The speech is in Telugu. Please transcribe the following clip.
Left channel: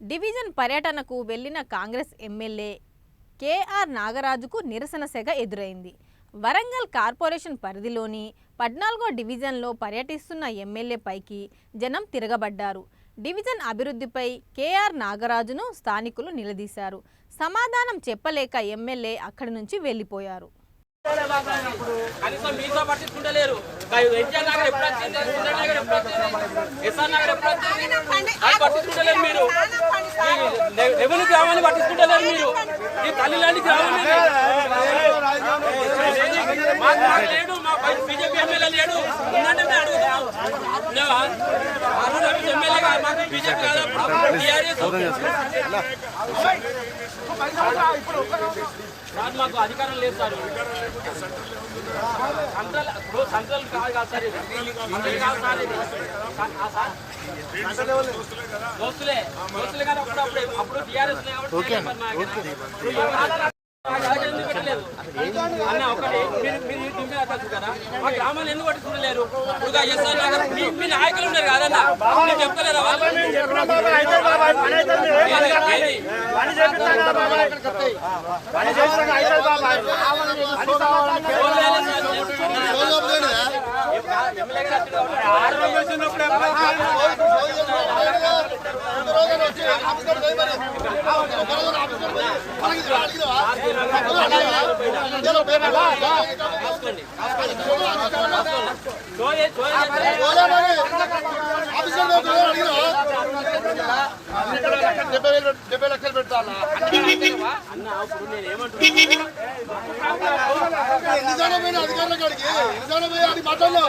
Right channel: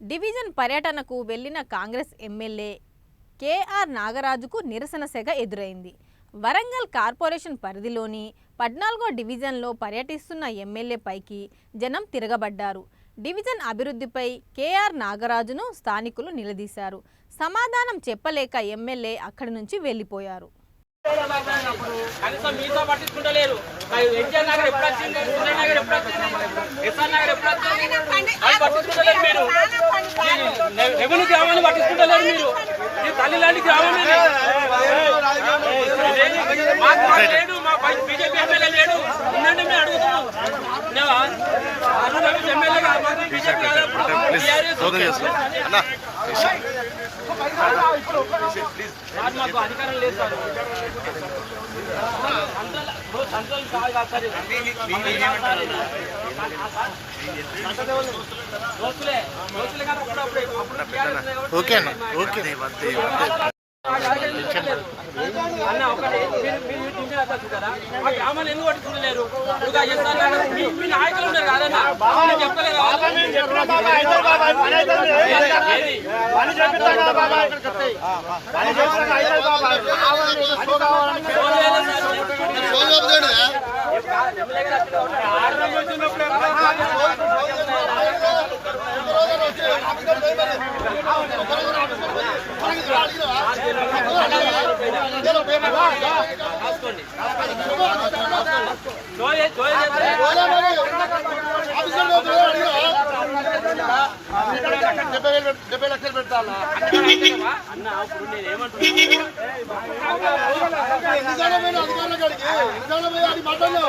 డివిజన్ పర్యటనకు వెళ్లిన కాంగ్రెస్ ఎమ్మెల్యే కేఆర్ నాగరాజుకు నిరసన సెగ ఎదురైంది. వరంగల్ కార్పొరేషన్ పరిధిలోని 14వ డివిజన్లో పర్యటిస్తున్న ఎమ్మెల్యే పైకి జనం తిరగబడ్డారు. డివిజన్ అభివృద్ధిపై కేఆర్ నాగరాజును స్థానికులు నిలదీశారు. సమాధానం చెప్పలేక ఎమ్మెల్యే అక్కడి నుంచి వెళ్లిపోయారు. మాకు అధికారం లేదు సార్. ఓకేనా ఓకే అన్న ఒకటి కదా మా గ్రామాలు ఎందుకు పట్టుకుంటలేరు? మీ నాయకులు ఉన్నారు కాదన్నా, చెప్పలేరు. అధికారుల కాడికి మాట్లాడలేదు.